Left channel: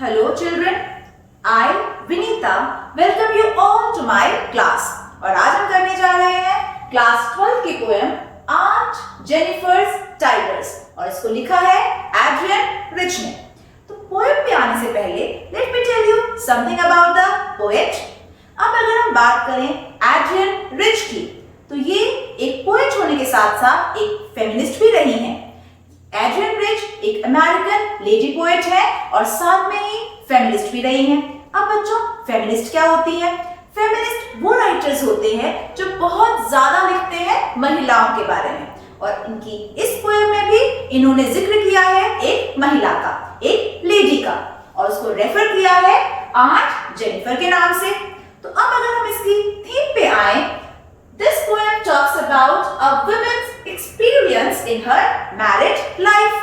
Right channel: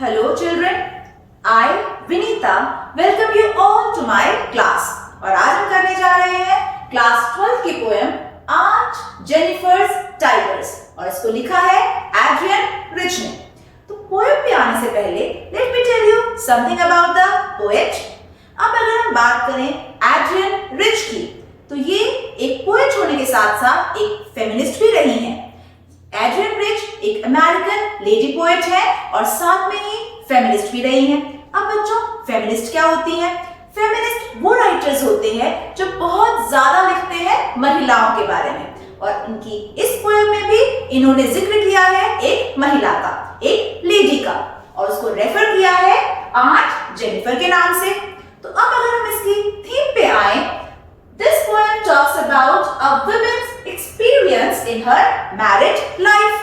Hello children, I Vinita welcome you all to my class। और आज हम करने जा रहे हैं क्लास 12 की पोएम आंट जेनिफर्स टाइगर्स और इसको लिखा है एड्रियन रिच ने। तो पोएम पे आने से पहले let me tell you something about the poet. अब अगर हम बात करें एड्रियन रिच की तो ये एक पोएट होने के साथ साथ एक फेमिनिस्ट भी रही हैं। एड्रियन रिच एक अमेरिकन लेडी पोएट है और साथ में ही फेमिनिस्ट भी रही हैं। अब बच्चों फेमिनिस्ट क्या होती हैं? फेमिनिस्ट वो राइटर्स होते हैं जो बहुत ज्यादा लिखते हैं महिलाओं के बारे में और इनकी इस पोएम में भी इन्होंने जिक्र किया है एक महिला का, एक लेडी का और उसको रेफर किया है आंट जेनिफर के नाम से। तो अब अगर हम इसकी थीम पे आए, this poem talks about a woman's experience in her married life।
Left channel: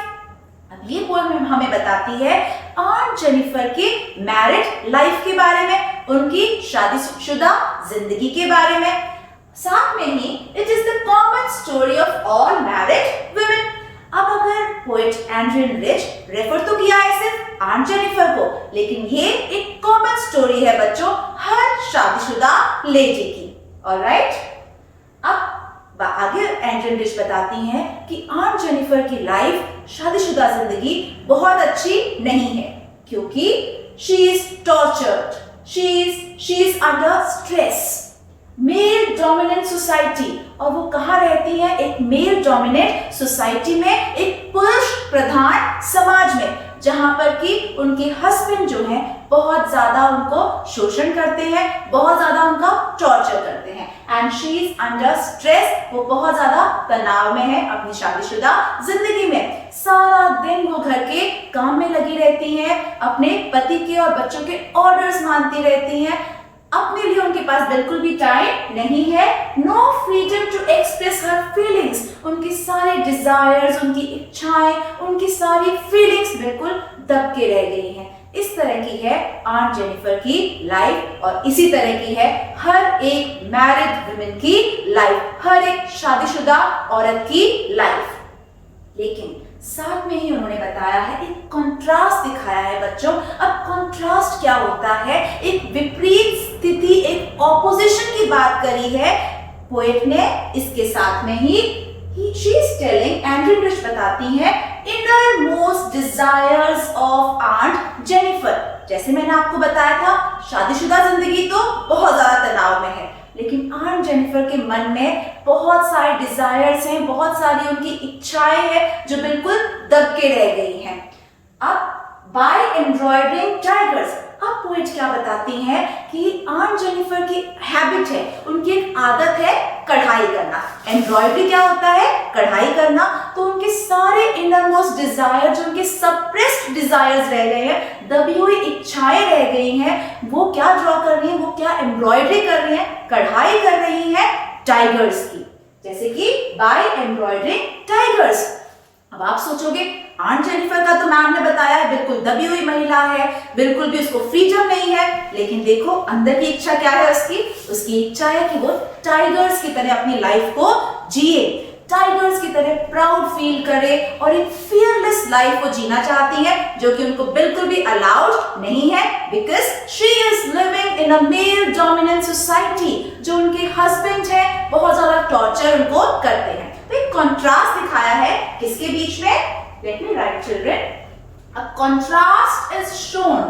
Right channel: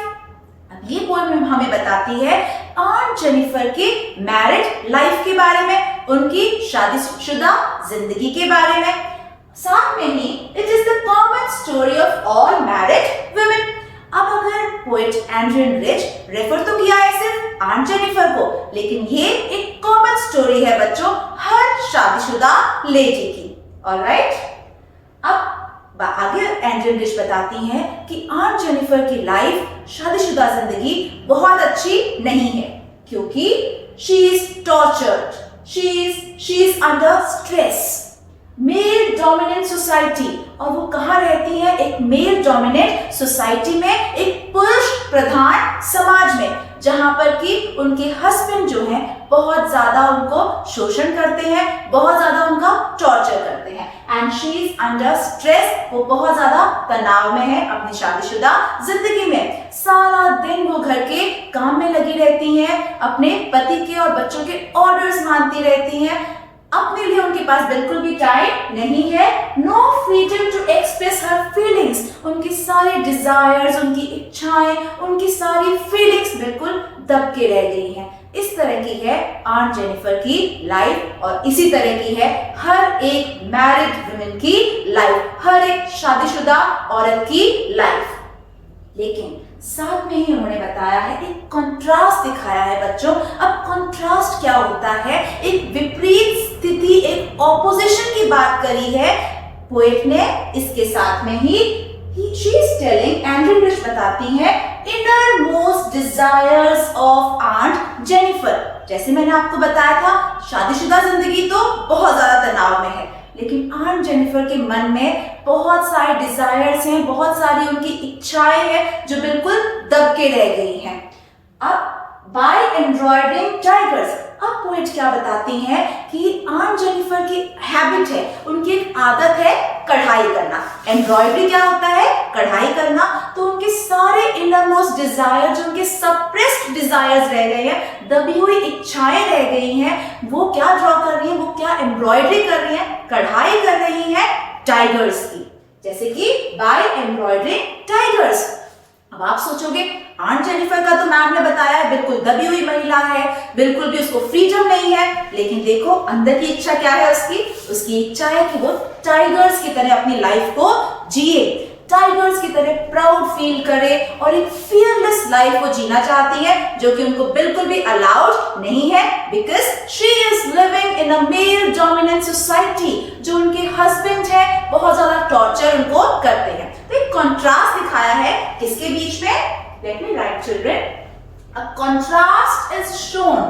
अब ये पोएम हमें बताती है आंट जेनिफर के मैरिड लाइफ के बारे में, उनकी शादीशुदा जिंदगी के बारे में। साथ में ही it is the common story of all married women. अब अगर पोएट एड्रियन रिच रेफर तो किया है सिर्फ आंट जेनिफर को, लेकिन ये एक कॉमन स्टोरी है बच्चों हर शादीशुदा लेडी की। ऑलराइट, अब आगे एड्रियन रिच बताती हैं कि आंट जेनिफर की लाइफ, शादीशुदा जिंदगी बहुत अच्छी नहीं है क्योंकि she is tortured, she is under stress, male dominant society. और वो कहाँ रहती है? एक मेल डोमिनेंट सोसाइटी में, एक पुरुष प्रधान समाज में, जहां पर कि उनके हस्बैंड जो हैं बहुत ज्यादा उनको शोषण करते हैं, बहुत ज्यादा उनका टॉर्चर करते हैं and she is under stress. वो बहुत ज्यादा तनाव में है अपनी शादीशुदा जिंदगी में। सारा दिन वो घर के काम में लगी रहती हैं, अपने पति के और बच्चों के ऑर्डर्स मानती रहती हैं। अपने लिए उनके पास बिल्कुल भी टाइम नहीं है। No freedom to express her feelings. उनकी सारे डिजायर्स, उनकी इच्छाएं, उनकी सारी फीलिंग्स बिल्कुल दब के रह गई हैं। इस तरह की है आंट जेनिफर की लाइफ और इसी तरह की है हर एक मैरिड वुमेन की लाइफ, हर एक शादीशुदा औरत की लाइफ। लेकिन साथ में ही उन्होंने बताया है, एक कंट्रास्ट दिखाया है बच्चों। अब कंट्रास्ट क्या होता है? एक विपरीत स्थिति, एक ऑपोजिशन की बात करी है पोएट ने। इसके साथ में ही she is telling, Adrienne Rich बताती है, inner most desires of aunt Jennifer. जैसे मैंने आपको बताया था, शादीशुदा जिंदगी तो बहुत ज्यादा तनाव में है, लेकिन आंट जेनिफर के मन में बहुत सारे डिजायर्स हैं, बहुत सारी उनकी इच्छाएं हैं जो बिल्कुल दब के रह गई हैं। अब बाय एम्ब्रॉयडरिंग टाइगर्स, अब पोएट क्या बताती हैं कि आंट जेनिफर की हैबिट है, उनकी एक आदत है कढ़ाई करना। एम्ब्रॉयडरी क्या होता है? कढ़ाई करना। तो उनके सारे इनरमोस्ट डिजायर, जो उनके सप्रेस्ड डिजायर्स रह गए हैं, दबी हुई इच्छाएं रह गई हैं, वो क्या ड्रॉ कर रही हैं? वो क्या एम्ब्रॉयडरी कर रही हैं? कढ़ाई कर रही हैं टाइगर्स की, जैसे कि बाय एम्ब्रॉयडरिंग टाइगर्स। अब आप सोचोगे आंट जेनिफर का तो मैम ने बताया है बिल्कुल दबी हुई महिला है, बिल्कुल भी उसको फ्रीडम नहीं है, लेकिन देखो अंदर की इच्छा क्या है उसकी इच्छा है कि वो टाइगर्स की तरह अपनी लाइफ को जिए, टाइगर्स की तरह प्राउड फील करे और एक फियरलेस लाइफ को जीना चाहती है, जो कि उनको बिल्कुल भी अलाउड नहीं है because she is living in a male dominant society. जो उनके हस्बैंड है बहुत ज्यादा टॉर्चर उनको करते हैं। तो एक कॉन्ट्रास्ट दिखाया है किसके बीच में? Let me write children. A contrast is shown.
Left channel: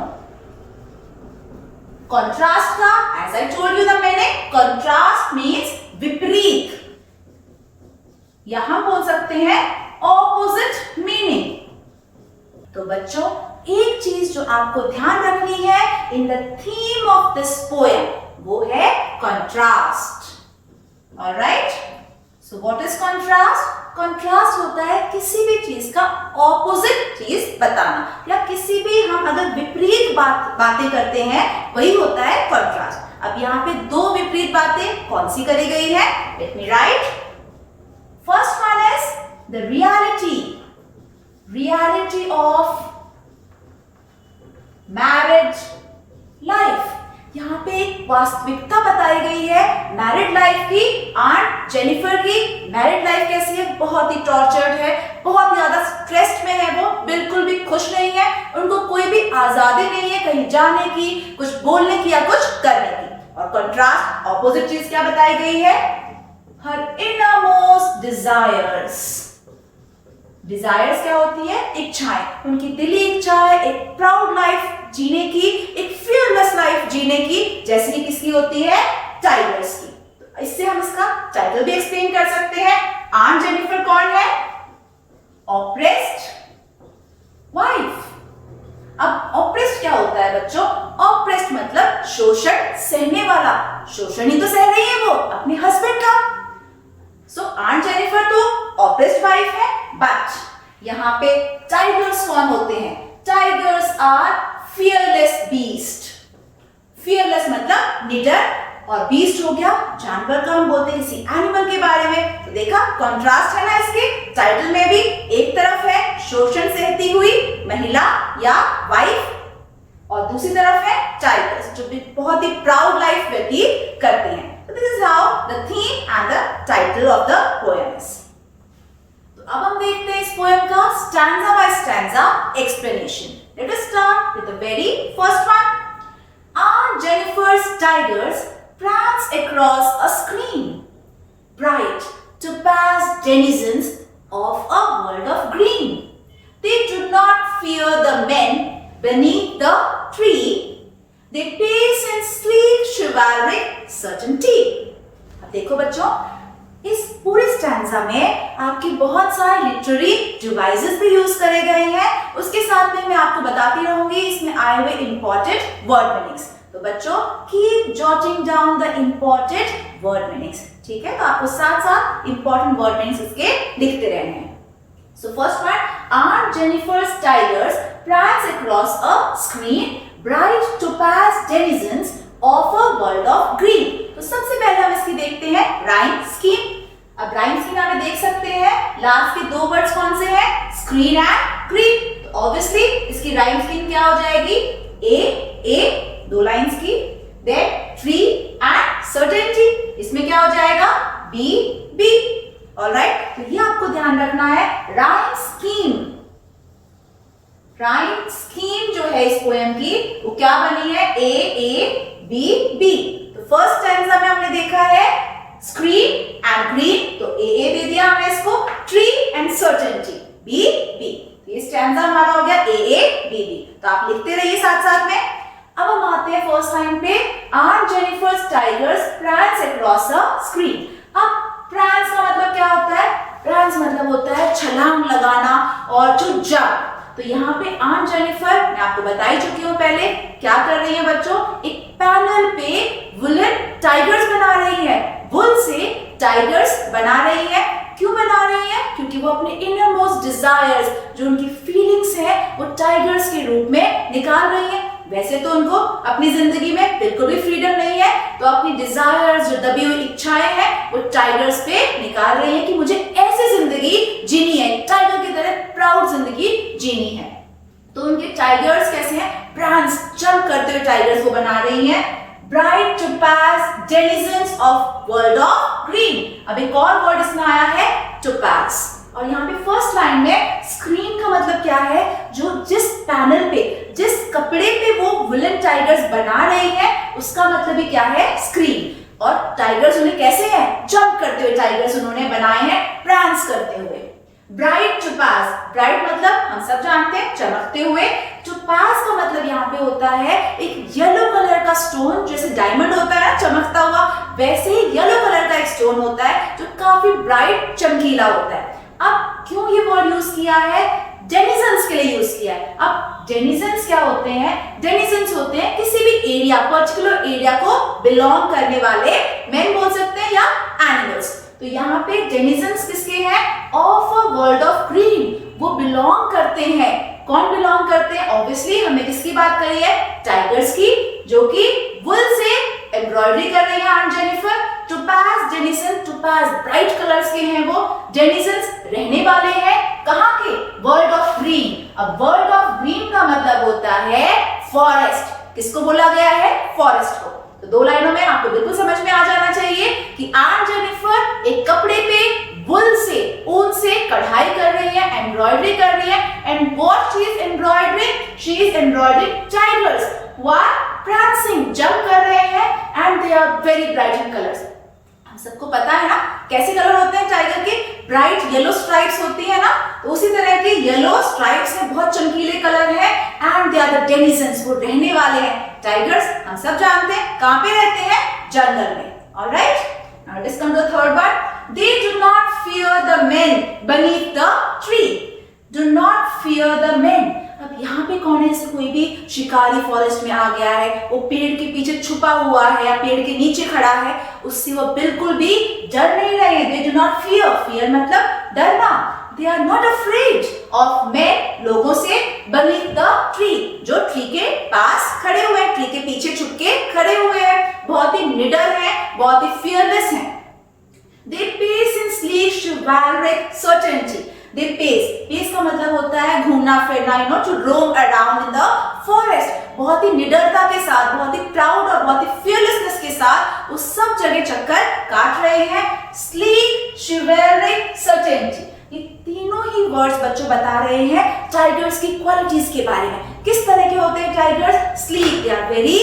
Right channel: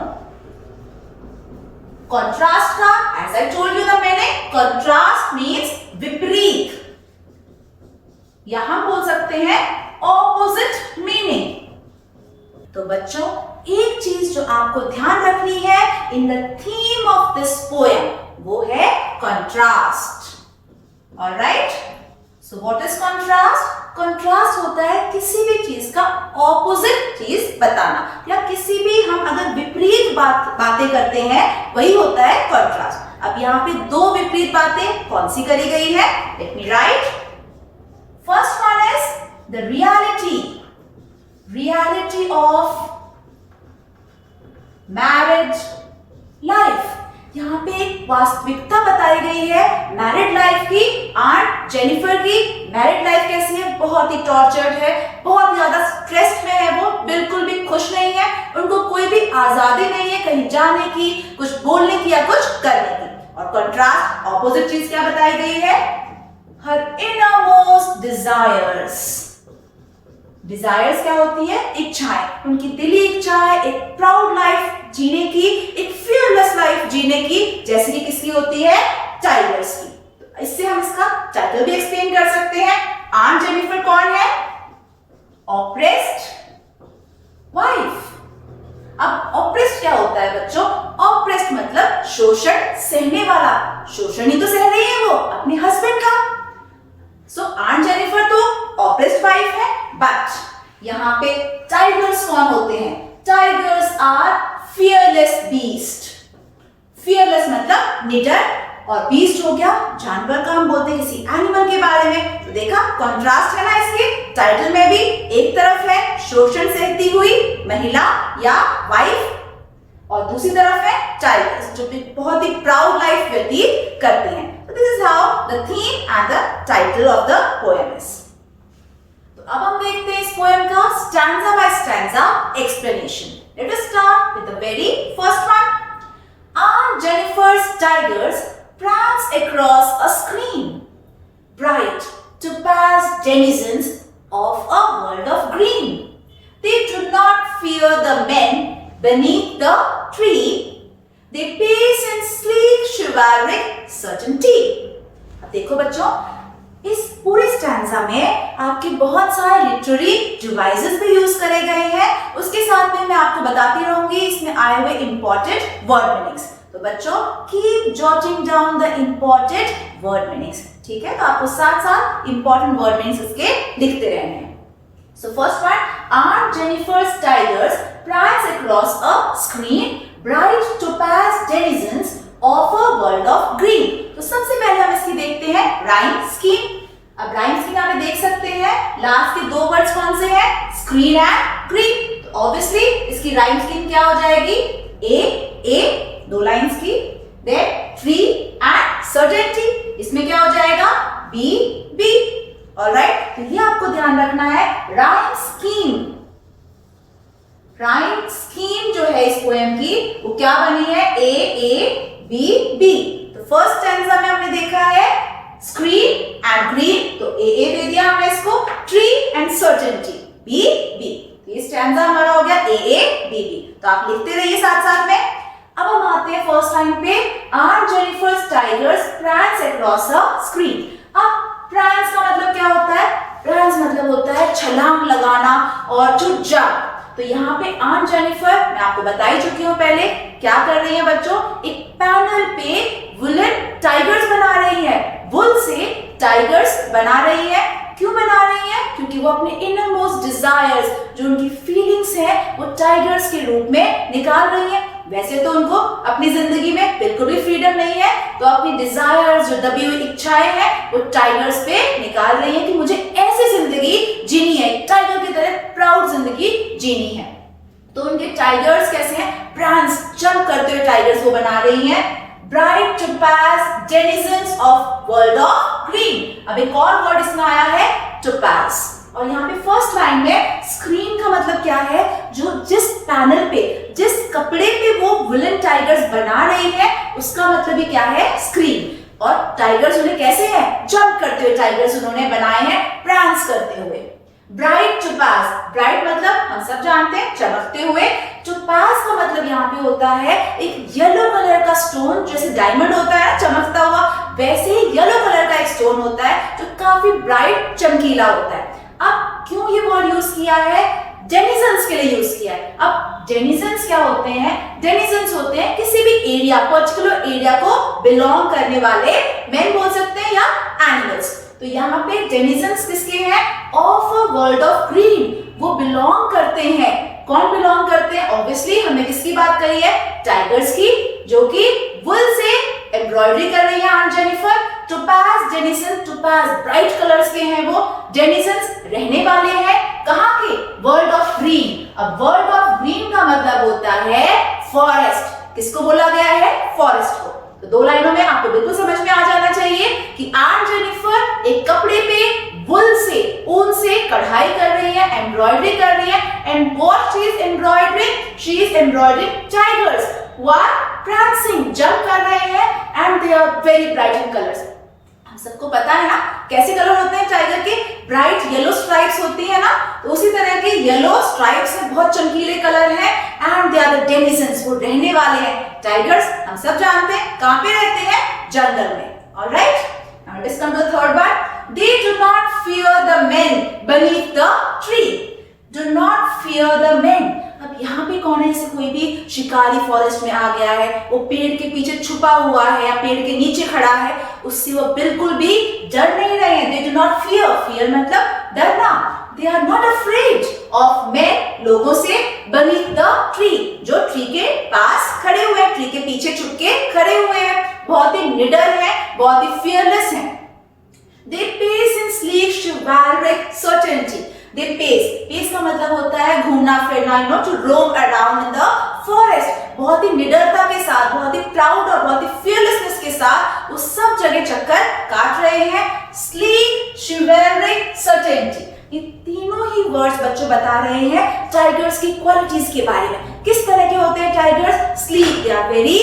Contrast का, as I told you the meaning, contrast means विपरीत, या हम बोल सकते हैं opposite meaning। तो बच्चों एक चीज जो आपको ध्यान रखनी है in the theme of this poem, वो है contrast। Alright? So what is contrast? Contrast होता है किसी भी चीज का ऑपोजिट चीज बताना, या किसी भी हम अगर विपरीत बातें करते हैं वही होता है कंट्रास्ट। अब यहाँ पे दो विपरीत बातें कौन सी करी गई है? Let me right. First one is the reality of married life. यहाँ पे एक वास्तविकता बताई गई है मैरिड लाइफ की। आंट जेनिफर की मैरिड लाइफ कैसी है? बहुत ही टॉर्चर्ड है, बहुत ज्यादा स्ट्रेस्ड में है वो, बिल्कुल भी खुश नहीं है, उनको कोई भी आजादी नहीं है कहीं जाने की, कुछ बोलने की या कुछ करने की। और कंट्रास्ट ऑपोजिट चीज क्या बताई गई है? हर इनरमोस्ट डिजायर्स। डिजायर्स क्या होती है? इच्छाएं, उनकी दिली इच्छा है एक प्राउड लाइफ जीने की, एक फियरलेस लाइफ जीने की, जैसे कि किसकी होती है? टाइगर्स की। तो इससे हम इसका टाइटल भी एक्सप्लेन कर सकते हैं। आंट जेनिफर कौन है? Oppressed wife. अब ऑप्रेस्ड क्या होता है बच्चों? ऑप्रेस्ड मतलब शोषण सहने वाला। शोषण ही तो सह रही है वो अपने हस्बैंड का। सो आंट जेनिफर तो ऑप्रेस्ड वाइफ है, बट यहाँ पे टाइगर्स कौन होते हैं? Tigers are fearless beast. Fearless मतलब निडर, और बीस्ट हो गया जानवर का, हम बोलते हैं किसी एनिमल के बारे में। तो देखा कंट्रास्ट है ना इसके टाइटल में भी। एक तरफ है शोषण सहती हुई महिला या वाइफ, और दूसरी तरफ है टाइगर्स जो भी बहुत ही प्राउड लाइफ व्यतीत करते हैं। तो this is how the theme and the title of the poem is. तो अब हम देखते हैं इस पोएम का stanza by stanza explanation. Let us start with the very first one. Aunt Jennifer's tigers prance across a screen, bright to pass denizens of a world of green. They do not fear the men beneath the tree. They pace in sleek chivalric certainty. अब देखो बच्चों, इस पूरी stanza में आपके बहुत सारे literary devices भी यूज करे गए हैं। उसके साथ में मैं आपको बताती रहूंगी इसमें आए हुए इंपॉर्टेंट वर्ड मीनिंग्स। तो बच्चों keep jotting down the important word meanings, ठीक है? तो आपको साथ साथ इंपॉर्टेंट वर्ड मीनिंग्स इसके लिखते रहने हैं। So first one, Aunt Jennifer's tigers prance across a screen, bright topaz denizens of a world of green. तो सबसे पहले हम इसकी देखते हैं राइम स्कीम। अब राइम स्कीम हमें देख सकते हैं, लास्ट के दो वर्ड्स कौन से हैं? Screen and green. तो ऑब्वियसली इसकी राइम स्कीम क्या हो जाएगी? ए दो लाइंस की, देन ट्री एंड सर्टेनिटी, इसमें क्या हो जाएगा? बी। ऑलराइट, तो ये आपको ध्यान रखना है। राइम स्कीम जो है इस पोएम की वो क्या बनी है? A B. तो फर्स्ट स्टैंजा में हमने देखा है स्क्रीन एंड ग्रीन, तो ए दे दिया हमने इसको, ट्री एंड सर्टेनिटी बी। ये स्टैंजा हमारा हो गया ए बी। तो आप लिखते रहिए साथ साथ में। अब हम आते हैं फर्स्ट लाइन पे, Aunt Jennifer's tigers prance across a screen। अब prance का मतलब क्या होता है? prance मतलब होता है छलांग लगाना और जंप। तो यहाँ पे आंट जेनिफर, मैं आपको बता ही चुकी हूँ पहले, क्या कर रही है बच्चों? एक पैनल पे वुलन टाइगर्स बना रही है। वुल से टाइगर्स बना रही है। क्यों बना रही है? क्योंकि वो अपने इनर मोस्ट डिजायर्स, जो उनकी फीलिंग्स है, वो टाइगर्स के रूप में निकाल रही है। वैसे तो उनको अपनी जिंदगी में बिल्कुल भी फ्रीडम नहीं है, तो अपनी डिजायर्स, जो दबी हुई इच्छाएं हैं, वो टाइगर्स पे निकाल रही है कि मुझे ऐसी जिंदगी जीनी है, टाइगर की तरह प्राउड जिंदगी जीनी है। तो उनके टाइगर्स कैसे हैं? प्रांस, जंप करते हुए टाइगर्स को बना रही हैं। Bright topaz denizens of world of green. अब एक और वर्ड इसमें आया है, टू पास। और यहाँ पे फर्स्ट लाइन में स्क्रीन का मतलब क्या है? जो जिस पैनल पे, जिस कपड़े पे वो विलन टाइगर्स बना रही है, उसका मतलब ही क्या है? स्क्रीन। और टाइगर्स उन्हें कैसे हैं? जंप करते हुए टाइगर्स उन्होंने बनाए हैं, प्रांस करते हुए। ब्राइट टू पास, ब्राइट मतलब हम सब जानते हैं चमकते हुए। टू पास का मतलब यहाँ पे होता है एक येलो कलर का स्टोन, जैसे डायमंड होता है चमकता हुआ, वैसे ही येलो कलर का एक स्टोन होता है जो काफी ब्राइट चमकीला होता है। अब क्यों ये वर्ड यूज किया है? डेनिजन्स के लिए यूज किया है। अब डेनिजन्स क्या होते हैं? डेनिजन्स होते हैं किसी भी एरिया, पर्टिकुलर एरिया को बिलोंग करने वाले, मैन बोल सकते हैं या एनिमल्स। तो यहाँ पे डेनिजन्स किसके हैं? Of a world of green, वो बिलोंग करते हैं। कौन बिलोंग करते हैं? ऑब्वियसली हमने किसकी बात करी है? टाइगर्स की, जो कि वुल से एम्ब्रॉयडरी कर रही है Aunt Jennifer. Topaz denizen, topaz bright colours के हैं वो। डेनिसन्स रहने वाले हैं कहाँ के? World of green. अब वर्ल्ड ऑफ ग्रीन का मतलब होता है फॉरेस्ट। किसको बोला गया है? फॉरेस्ट को। तो दो लाइनों में आपको बिल्कुल समझ में आ जाना चाहिए कि आंट जेनिफर एक कपड़े पे वुल से, ऊन से कढ़ाई कर रही है, एम्ब्रॉयडरी कर रही है। And what she is embroidering? She is embroidering tigers who are prancing, jump कर रहे हैं, and they are very bright in colors। हम सबको पता है ना कैसे कलर होते हैं टाइगर के? ब्राइट येलो स्ट्राइप्स होती है ना, तो उसी तरह के येलो स्ट्राइप्स से बहुत चमकीले कलर है। And they are the denizens, वो रहने वाले हैं। टाइगर्स हम सब जानते हैं कहां पे रहते हैं? जंगल में। Alright, now let's come to the third one. They do not fear the men beneath the tree. Do not fear the men. अब यहाँ पे कौन है? जैसे कोई भी शिकारी फॉरेस्ट में आ गया है, वो पेड़ के पीछे छुपा हुआ है या पेड़ के नीचे खड़ा है, उससे वो बिल्कुल भी डर नहीं रहे हैं। They do not fear, fear मतलब डरना। They are not afraid of men, लोगों से, beneath द ट्री, जो ट्री के पास खड़े हुए हैं, ट्री के पीछे छुप के खड़े हुए हैं, बहुत ही निडर है, बहुत ही फियरलेस है। They pace in sleek chivalric certainty. They pace. Pace का मतलब होता है घूमना फिरना, to roam around in the forest. बहुत ही निडरता के साथ, बहुत ही प्राउड और बहुत ही fearlessness के साथ वो सब जगह चक्कर काट रहे हैं। Sleek, chivalric, certainty. ये तीनों ही वर्ड्स बच्चों बता रहे हैं टाइगर्स की क्वालिटीज के बारे में। किस तरह के होते हैं tigers? Sleek, they are very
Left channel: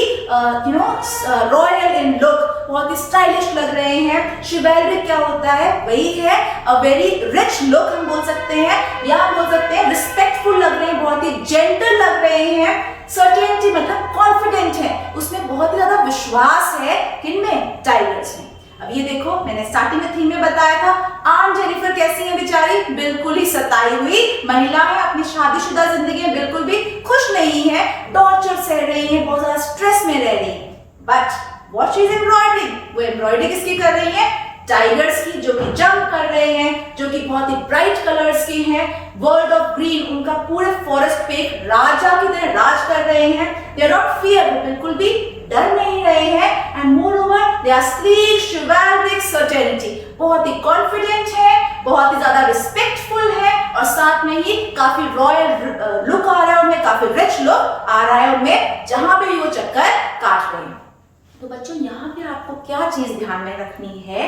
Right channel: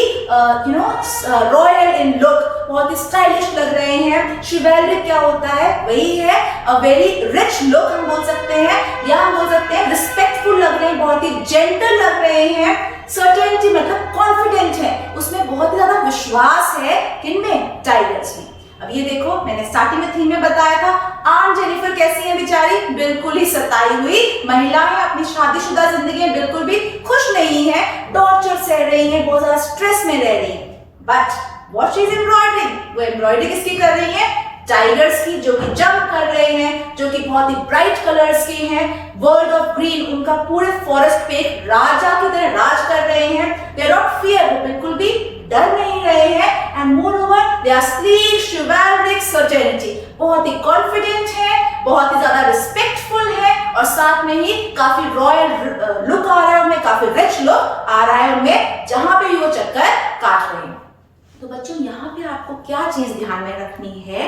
royal in look, बहुत ही स्टाइलिश लग रहे हैं। शिवेलरिक क्या होता है? वही है अ वेरी रिच लुक हम बोल सकते हैं, या हम बोल सकते हैं रिस्पेक्टफुल लग रहे हैं, बहुत ही जेंटल लग रहे हैं। सर्टेनिटी मतलब कॉन्फिडेंट है, उसमें बहुत ही ज्यादा विश्वास है। किनमें? टाइगर्स में। अब ये देखो, मैंने स्टार्टिंग में थीम में बताया था, आंट जेनिफर कैसी है बेचारी? बिल्कुल ही सताई हुई महिला है, अपनी शादीशुदा जिंदगी में बिल्कुल भी खुश नहीं है, टॉर्चर सह रही है, बहुत ज्यादा स्ट्रेस में रह रही है। But what she is embroidering? वो एम्ब्रॉयडरी किसकी कर रही है? टाइगर्स की, जो कि जंप कर रहे हैं, जो कि बहुत ही ब्राइट कलर्स के हैं। वर्ल्ड ऑफ ग्रीन, उनका पूरे फॉरेस्ट पे एक राजा की तरह राज कर रहे हैं। दे आर नॉट फियर, वो बिल्कुल भी डर नहीं रहे हैं। And moreover they are sleek, chivalric, certainty, बहुत ही कॉन्फिडेंट है, बहुत ही ज्यादा रिस्पेक्टफुल है, और साथ में ही काफी रॉयल लुक आ रहा है उनमें, काफी रिच लुक आ रहा है उनमें, जहां पे वो चक्कर काट रहे हैं। तो बच्चों यहाँ पे आपको क्या चीज ध्यान में रखनी है?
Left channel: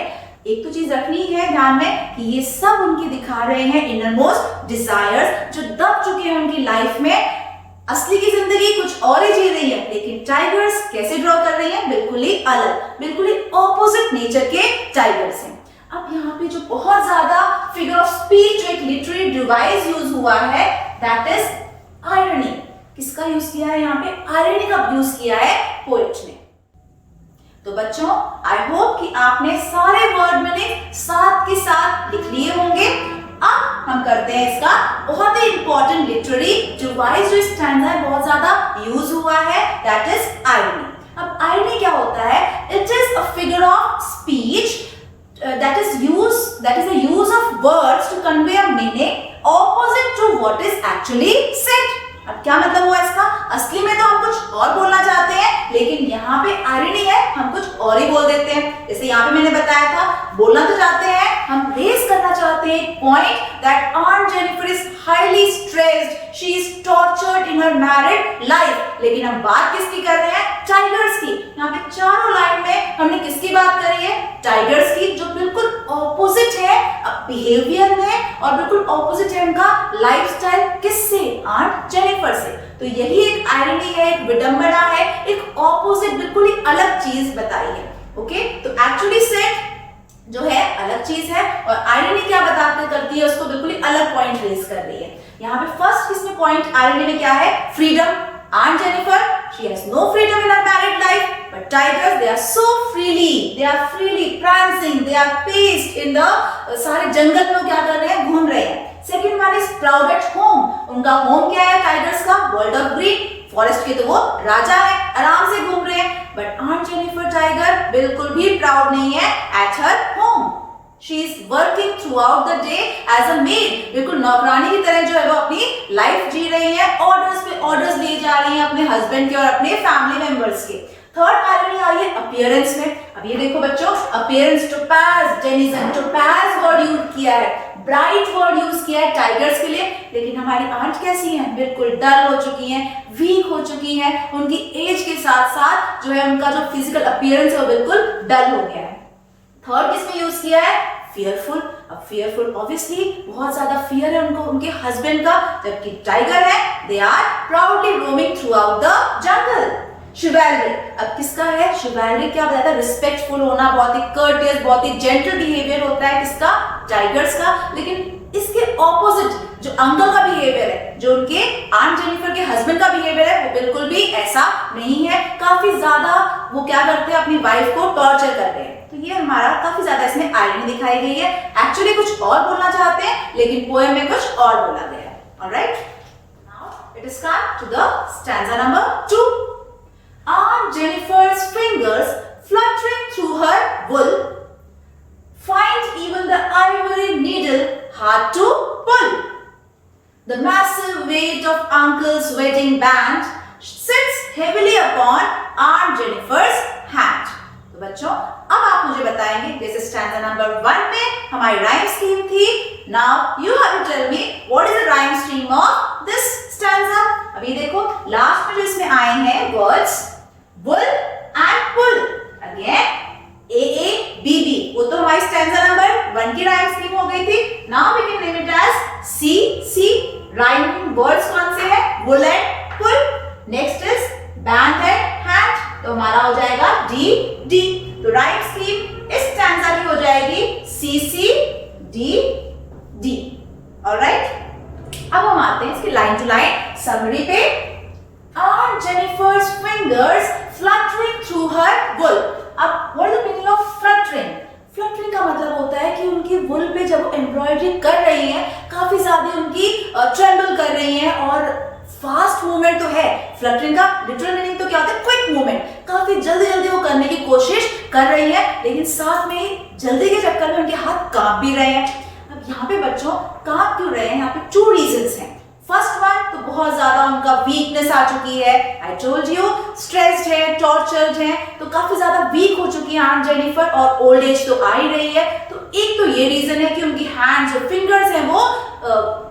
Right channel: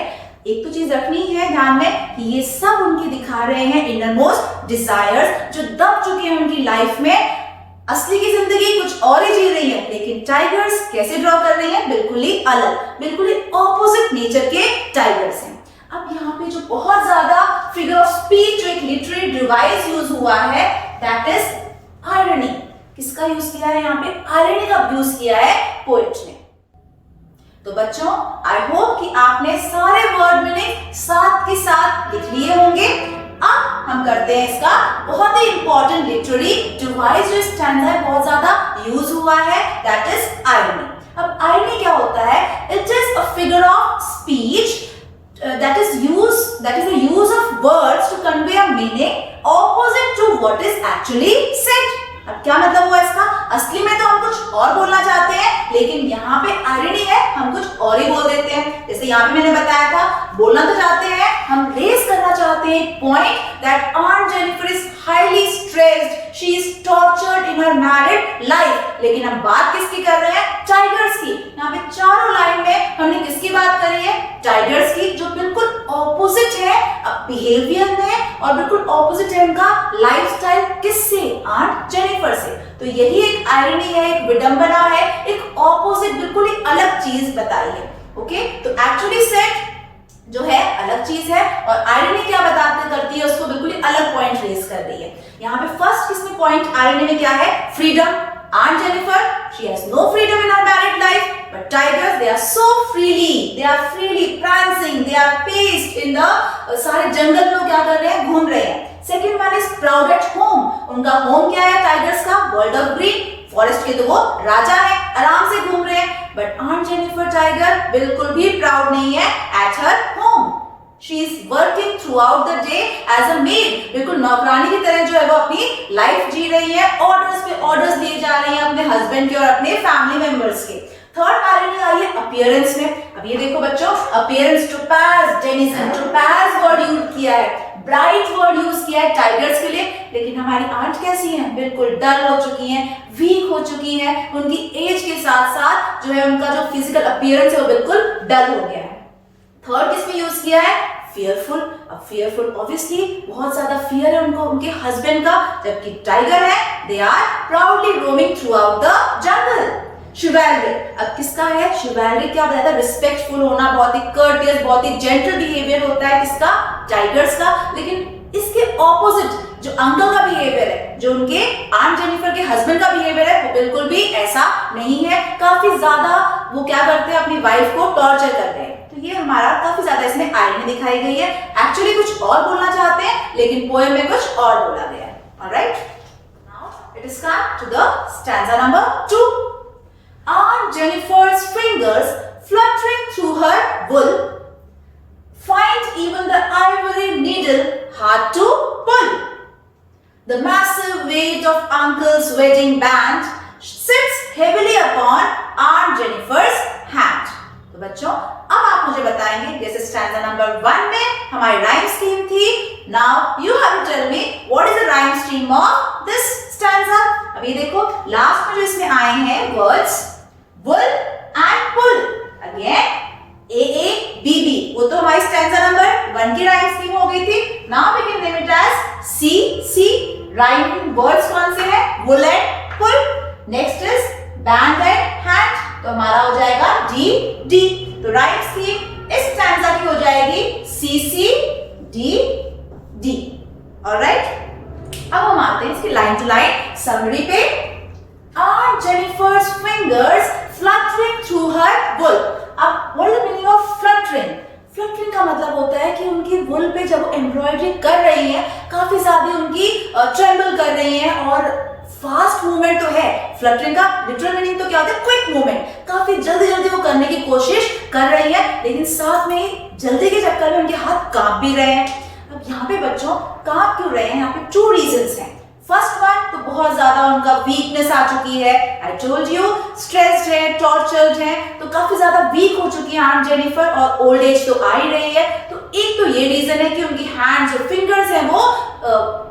एक तो चीज रखनी है ध्यान में कि ये सब उनकी दिखा रहे हैं इनरमोस्ट डिजायर्स, जो दब चुके हैं उनकी लाइफ में। असली की जिंदगी कुछ और ही जी रही है, लेकिन टाइगर्स कैसे ड्रॉ कर रही हैं? बिल्कुल ही अलग, बिल्कुल ही ऑपोजिट नेचर के टाइगर्स हैं। अब यहाँ पे जो बहुत ज्यादा फिगर ऑफ स्पीच, जो एक लिटरेरी डिवाइस यूज हुआ है, दैट इज आयरनी। किसका यूज किया है यहाँ पे? आयरनी का यूज किया है पोएट ने। तो बच्चों, आई होप कि आपने सारे वर्ड मीनिंग साथ ही साथ लिख लिए होंगे। अब हम करते हैं इसका बहुत ही इंपॉर्टेंट लिटरेरी डिवाइस, जो स्टैंडर्ड है बहुत ज्यादा यूज हुआ है, दैट इज आयरनी। अब आयरनी क्या होता है? It is a figure of speech that is the use of words to convey a meaning opposite to what is actually said। अब क्या मतलब हुआ इसका? असली में तो हम कुछ और बोलना चाहते हैं, लेकिन यहाँ पे आयरनी है, हम कुछ और ही बोल देते हैं। जैसे यहाँ पे मैंने बताया था, बोलना तो चाहते हैं, हम रेज करना चाहते हैं point that on Jennifer is highly stressed, she is tortured in her married life. लेकिन हम बात किसकी कर रहे हैं? टाइगर्स की। यहाँ पे चारों लाइन में हमने किसकी बात करी है? टाइगर्स की, जो बिल्कुल ऑपोजिट है बिहेवियर में, और बिल्कुल ऑपोजिट है उनका लाइफस्टाइल। किससे? आंट जेनिफर से। तो यही एक आयरनी है, एक विडंबना है, एक ऑपोजिट, बिल्कुल ही अलग चीज बताई है। ओके, तो एक्चुअली सेट जो है अलग चीज है, और आयरनी क्या बताते करती है, उसको बिल्कुल ही अलग पॉइंट रेज कर रही है। यहाँ पे फर्स्ट किसमें पॉइंट आयरनी में क्या है? Freedom. Aunt Jennifer, she has no freedom in her married life, but tigers, they are so freely prancing, they are paced in the सारे जंगल में क्या कर रहे हैं? घूम रहे हैं। Second one is proud at home, उनका होम क्या है टाइगर्स का? वर्ल्ड ऑफ ग्रीन, फॉरेस्ट के तो वो राजा है, आराम से घूम रहे हैं। बट Aunt Jennifer टाइगर बिल्कुल भी प्राउड नहीं है at her home। She is working throughout the day as a maid, बिल्कुल नौकरानी की तरह जो है वो अपनी लाइफ जी रही है, ऑर्डर्स पे ऑर्डर्स दिए जा रही हैं अपने हस्बैंड के और अपने फैमिली मेंबर्स के। थर्ड आयरनी आई है अपीयरेंस में। अब ये देखो बच्चों, appearance, topaz, denizen, topaz word use किया है, ब्राइट वर्ड यूज किया है टाइगर्स के लिए। लेकिन हमारी आंट कैसी है? बिल्कुल डल हो चुकी हैं, वीक हो चुकी हैं, उनकी एज के साथ साथ जो है उनका जो फिजिकल अपीयरेंस है वो बिल्कुल डल हो गया है। थर्ड किसमें यूज किया है? fearful. अब fearful obviously बहुत ज्यादा fear है उनको उनके husband का, जबकि tiger है they are proudly roaming throughout the jungle. Chivalry, अब किसका है? Chivalry क्या बताता है? Respectful होना, बहुत ही courteous, बहुत ही gentle behavior होता है किसका? Tigers का. लेकिन इसके opposite जो अंकल का बिहेवियर है, जो उनके आंट जेनिफर के हस्बैंड का बिहेवियर है, वो बिल्कुल भी ऐसा नहीं है. काफी ज्यादा वो क्या करते हैं, अपनी वाइफ को टॉर्चर कर रहे हैं. तो ये हमारा काफी ज्यादा इसमें आयरनी दिखाई गई है. एक्चुअली कुछ और बोलना चाहते हैं लेकिन पोएम में कुछ और बोला गया है. Alright, now it is come to the stanza number 2. Aunt Jennifer's fingers fluttering through her wool find even the ivory needle hard to pull. The massive weight of Uncle's wedding band sits heavily upon Aunt Jennifer's hand. तो बच्चों अब आप मुझे बताएंगे, जैसे stanza number 1 में हमारी rhyme scheme थी. Now you have to tell me what is the rhyme scheme of this stanza. अब ये देखो लास्ट में जो इसमें आए हैं words wool and pull. Again AABB, वो तो हमारी स्टैंजा नंबर 1 की राइम स्कीम हो गई थी. Now we can name it as CC. Rhyming words कौन से हैं? wool and pull. Next is band and hand, तो हमारा हो जाएगा DD. तो राइम स्कीम इस स्टैंजा की हो जाएगी CC DD. ऑलराइट, अब हम आते हैं इसकी लाइन टू लाइन समरी पे. Aunt Jennifer's fingers fluttering through her wool. अब what is the meaning of fluttering? Fluttering का मतलब होता है कि उनकी wool पे जब वो एम्ब्रॉयडरी कर रही हैं, काफी ज्यादा उनकी ट्रेंबल कर रही हैं और फास्ट मूवमेंट तो है. फ्लटरिंग का लिटरल मीनिंग तो क्या होता है? Quick movement. काफी जल्दी जल्दी वो करने की कोशिश कर रही है, लेकिन साथ में जल्दी के चक्कर में उनके हाथ कांप भी रहे हैं. अब यहाँ पे बच्चों कांप क्यों रहे हैं? यहाँ पे 2 रीजंस हैं. फर्स्ट वन तो बहुत ज्यादा उनका वीकनेस आ चुकी है. आई टोल्ड यू स्ट्रेस्ड है, टॉर्चर्ड है, तो काफी ज्यादा वीक हो चुकी है आंट जेनिफर और ओल्ड एज तो आ ही रही है. तो एक तो ये रीजन है कि उनकी हैंड्स जो फिंगर्स हैं वो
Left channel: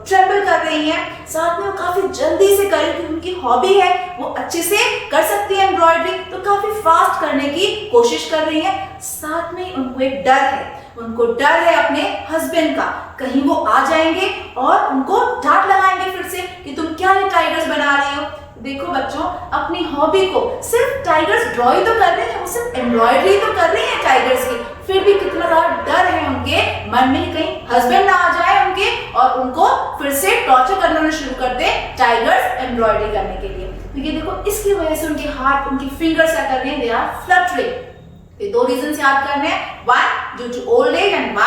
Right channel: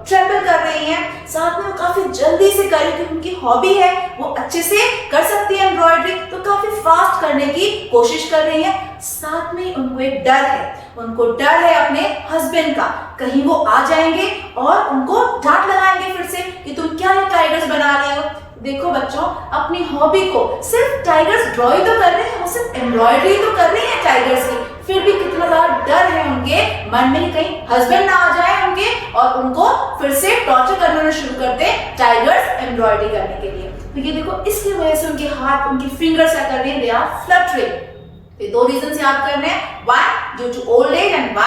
ट्रेंबल कर रही हैं. साथ में वो काफी जल्दी से कर रही थी, उनकी हॉबी है, वो अच्छे से कर सकती है एम्ब्रॉयडरी, तो काफी फास्ट करने की कोशिश कर रही है. साथ में उनको एक डर है, उनको डर है अपने हस्बैंड का, कहीं वो आ जाएंगे और उनको डांट लगाएंगे फिर से कि तुम क्या ये टाइगर्स बना रहे हो. देखो बच्चों, अपनी हॉबी को सिर्फ टाइगर्स ड्रॉ ही तो कर रहे हैं, वो सिर्फ एम्ब्रॉयडरी तो कर रही है टाइगर्स की, फिर भी कितना ज्यादा डर है उनके मन में, कहीं हस्बैंड ना आ जाए उनके और उनको फिर से टॉर्चर करना शुरू कर दे टाइगर्स एम्ब्रॉयडरी करने के लिए. तो ये देखो इसकी वजह से उनके हाथ, उनकी फिंगर्स क्या कर रही है? They are fluttering. तो 2 रीजंस याद करने हैं. One due to old age and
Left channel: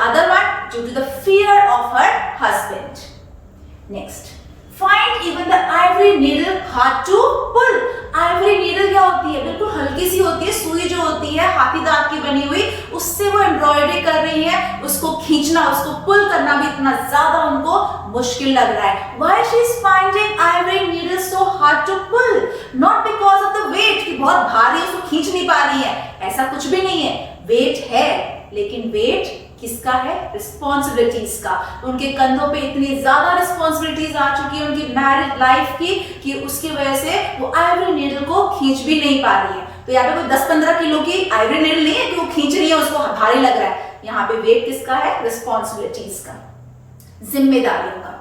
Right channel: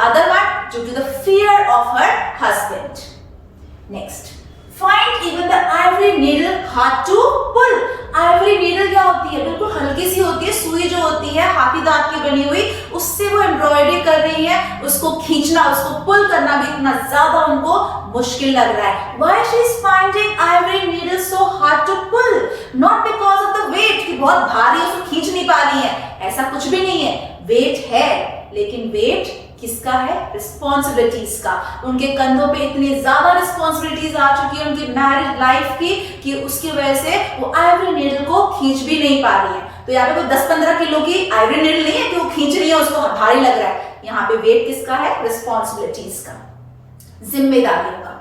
other one due to the fear of her husband. Next, find even the ivory needle hard to pull. ivory needle क्या होती है? बिल्कुल हल्की सी होती है, सुई जो होती है हाथी दांत की बनी हुई, उससे वो एम्ब्रॉयडरी कर रही है. उसको खींचना, उसको पुल करना भी इतना ज्यादा उनको मुश्किल लग रहा है. Why she is finding ivory needle so hard to pull? Not because of the weight, कि बहुत भारी उसको खींच नहीं पा रही है, ऐसा कुछ भी नहीं है. वेट है, लेकिन वेट किसका है? रिस्पॉन्सिबिलिटीज का. उनके कंधों पे इतनी ज्यादा रिस्पॉन्सिबिलिटीज आ चुकी है उनकी मैरिड लाइफ की कि उसकी वजह से वो आइवरी नीडल को खींच भी नहीं पा रही है. तो यहाँ पे कोई 10-15 किलो की आइवरी नीडल नहीं है कि वो खींच रही है, उसको भारी लग रहा है. यहाँ पे वेट किसका है? रिस्पॉन्सिबिलिटीज का, जिम्मेदारियों का.